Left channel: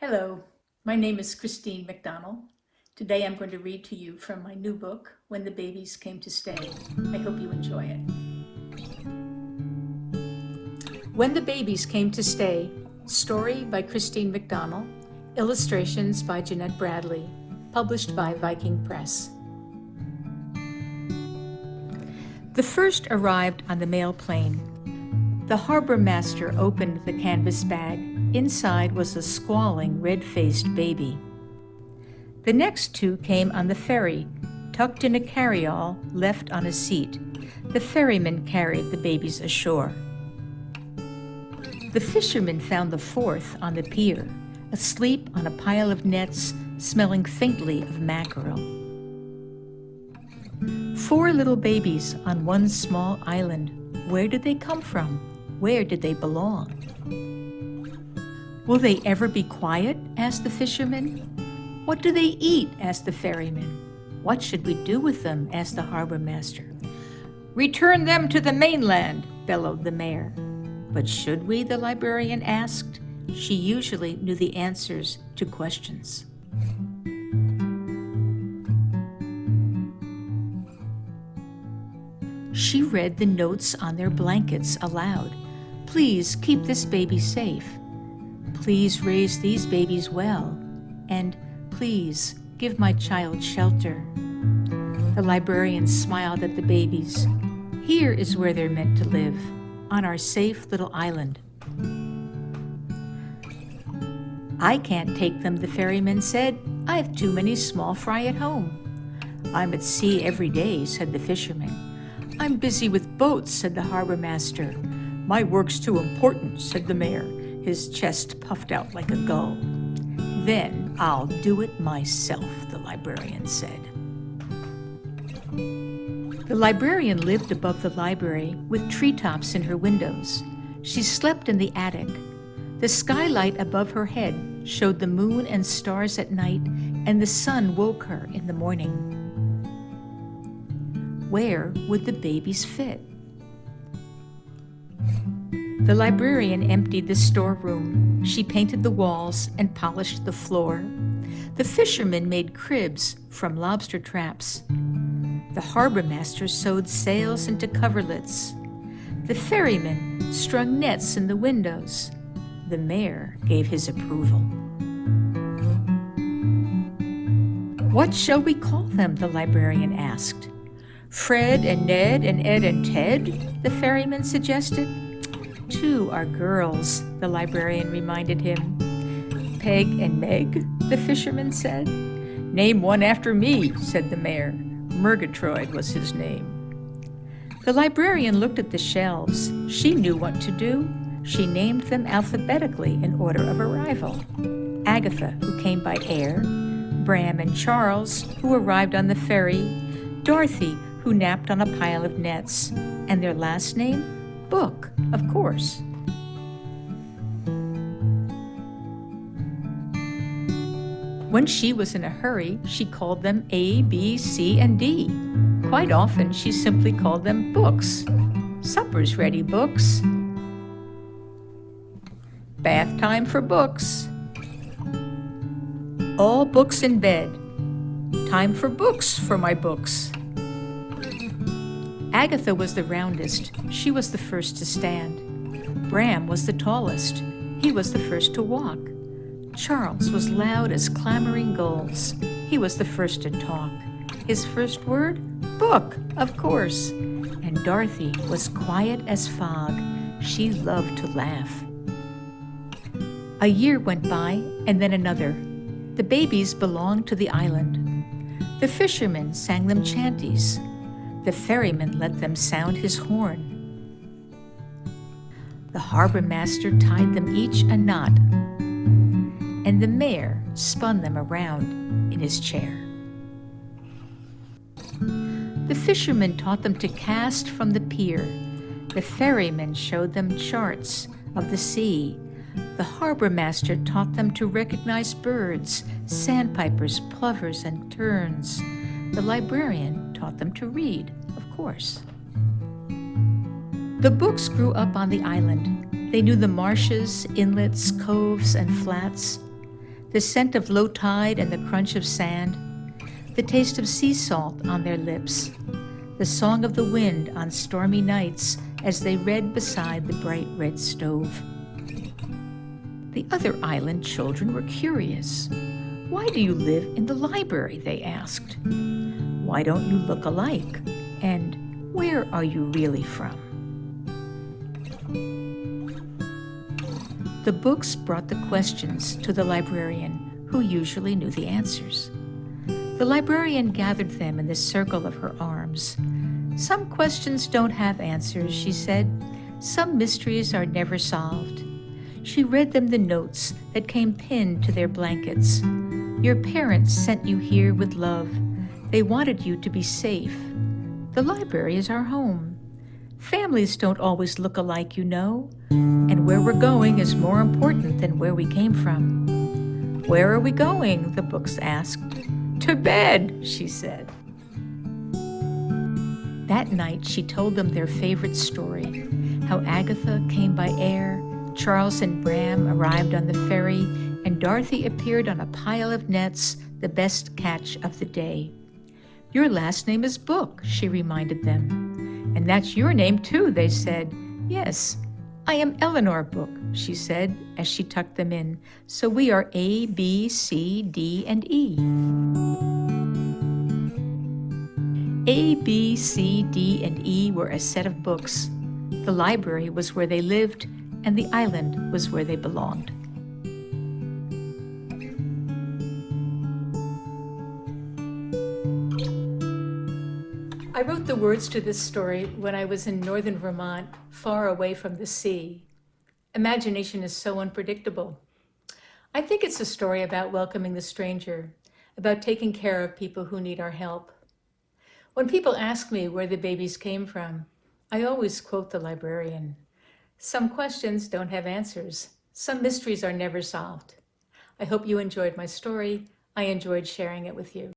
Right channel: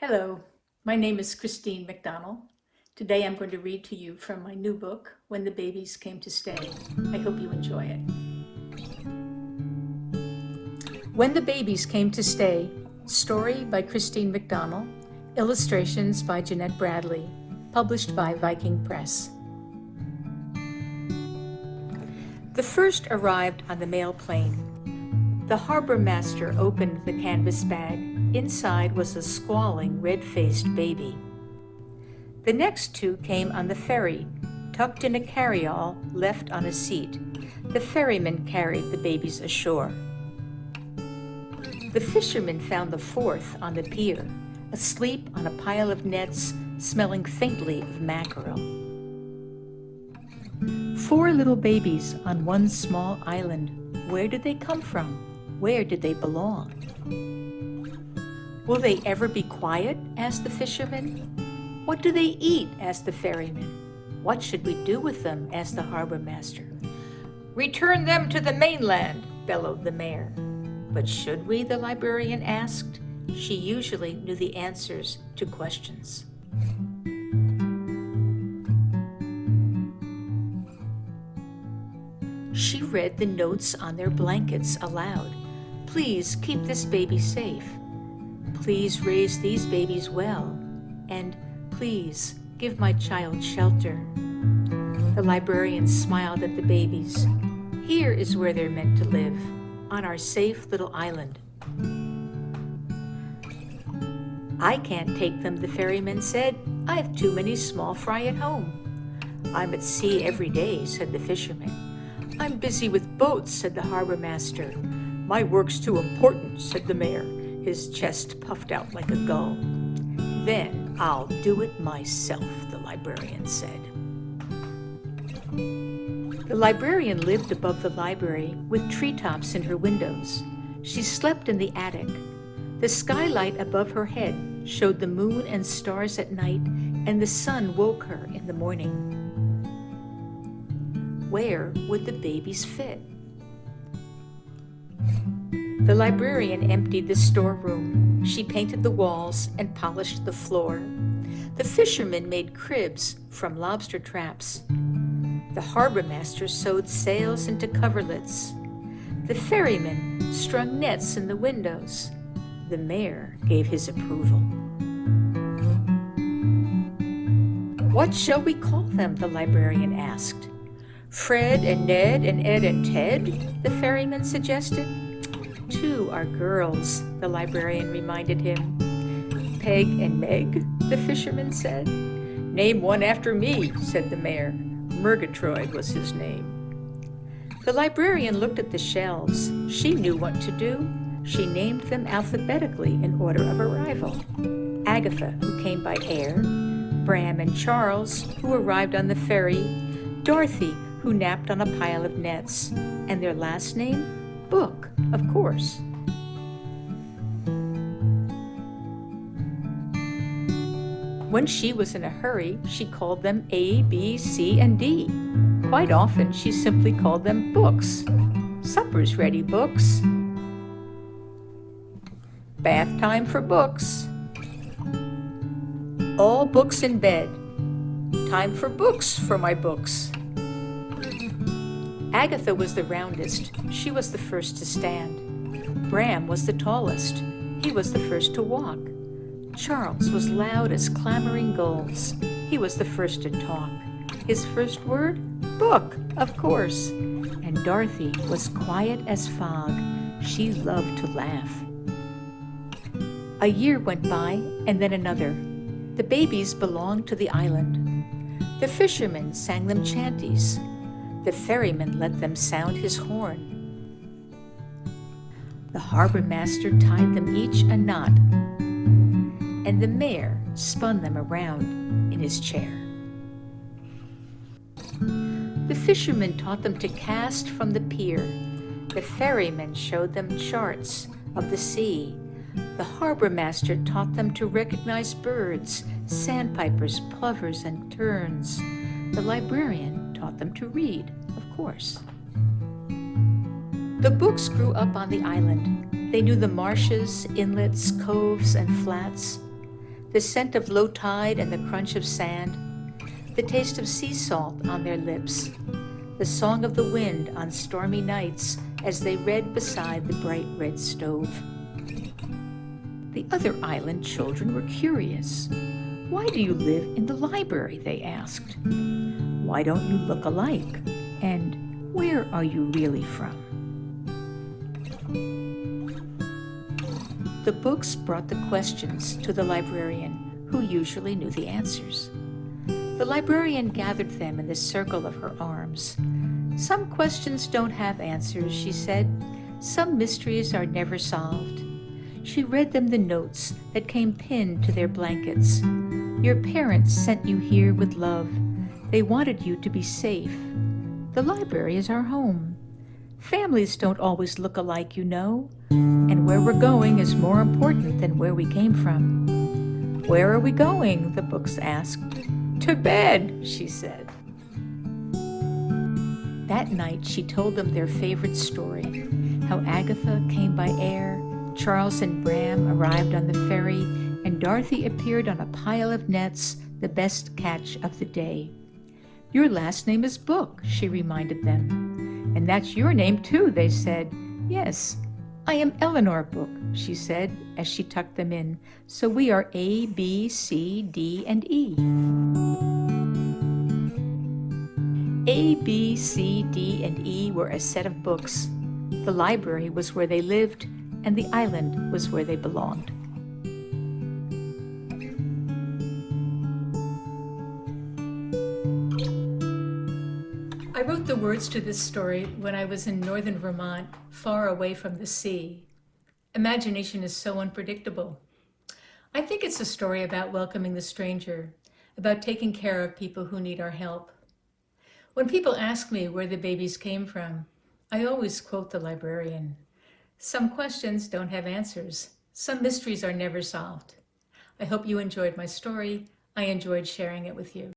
Hello, my name is Christine McDonnell. Today I'm going to read to you from my new book, When the Babies Came to Stay. I hope you enjoy it. When the Babies Came to Stay, story by Christine McDonnell, illustrations by Jeanette Bradley, published by Viking Press. The first arrived on the mail plane. The harbor master opened the canvas bag. Inside was a squalling, red-faced baby. The next two came on the ferry, tucked in a carry-all left on a seat. The ferryman carried the babies ashore. The fisherman found the fourth on the pier, asleep on a pile of nets, smelling faintly of mackerel. 4 little babies on one small island. Where did they come from? Where did they belong? Will they ever be quiet? Asked the fisherman. What do they eat? Asked the ferryman. What should we do with them? Asked the harbor master. Return them to the mainland, bellowed the mayor. But should we? The librarian asked. She usually knew the answers to questions. She read the notes on their blankets aloud. Please keep this baby safe. Please raise these babies well. And please give my child shelter. The librarian smiled at the babies. Here is where they're meant to live, on our safe little island. I can't take them, the ferryman said. I have too many small fry at home. I'm at sea every day, said the fisherman. I'm busy with boats, said the harbor master. My work's too important, said the mayor. His chest puffed out like a gull. Then I'll do it myself, the librarian said. The librarian lived above the library with treetops in her windows. She slept in the attic. The skylight above her head showed the moon and stars at night, and the sun woke her in the morning. Where would the babies fit? The librarian emptied the storeroom. She painted the walls and polished the floor. The fisherman made cribs from lobster traps. The harbor master sewed sails into coverlets. The ferryman strung nets in the windows. The mayor gave his approval. What shall we call them? The librarian asked. Fred and Ned and Ed and Ted, the ferryman suggested. 2 are girls, the librarian reminded him. Peg and Meg, the fisherman said. Name one after me, said the mayor. Murgatroyd was his name. The librarian looked at the shelves. She knew what to do. She named them alphabetically in order of arrival. Agatha, who came by air. Bram and Charles, who arrived on the ferry. Dorothy, who napped on a pile of nets. And their last name? Book, of course. When she was in a hurry, she called them A, B, C, and D. Quite often, she simply called them books. Supper's ready, books. Bath time for books. All books in bed. Time for books for my books. Agatha was the roundest. She was the first to stand. Bram was the tallest. He was the first to walk. Charles was loud as clamoring gulls. He was the first to talk. His first word? Book, of course. And Dorothy was quiet as fog. She loved to laugh. A year went by, and then another. The babies belonged to the island. The fisherman sang them chanties. The ferryman let them sound his horn. The harbor master tied them each a knot, and the mayor spun them around in his chair. The fisherman taught them to cast from the pier. The ferryman showed them charts of the sea. The harbor master taught them to recognize birds, sandpipers, plovers, and terns. The librarian taught them to read, of course. The books grew up on the island. They knew the marshes, inlets, coves, and flats. the scent of low tide and the crunch of sand, the taste of sea salt on their lips, the song of the wind on stormy nights as they read beside the bright red stove. The other island children were curious. "Why do you live in the library?" they asked. "Why don't you look alike? And where are you really from?" The books brought the questions to the librarian, who usually knew the answers. The librarian gathered them in the circle of her arms. "Some questions don't have answers," she said. "Some mysteries are never solved." She read them the notes that came pinned to their blankets. "Your parents sent you here with love. They wanted you to be safe. The library is our home. Families don't always look alike, you know. And where we're going is more important than where we came from." "Where are we going?" the books asked. "To bed," she said. That night she told them their favorite story, how Agatha came by air, Charles and Bram arrived on the ferry, and Dorothy appeared on a pile of nets, the best catch of the day. "Your last name is Book," she reminded them. "And that's your name too," they said. "Yes, I am Eleanor Book," she said as she tucked them in. "So we are A, B, C, D, and E." A, B, C, D, and E were a set of books. The library was where they lived, and the island was where they belonged. I wrote the words to this story when I was in northern Vermont, far away from the sea. Imagination is so unpredictable. I think it's a story about welcoming the stranger, about taking care of people who need our help. When people ask me where the babies came from, I always quote the librarian. "Some questions don't have answers. Some mysteries are never solved." I hope you enjoyed my story. I enjoyed sharing it with you.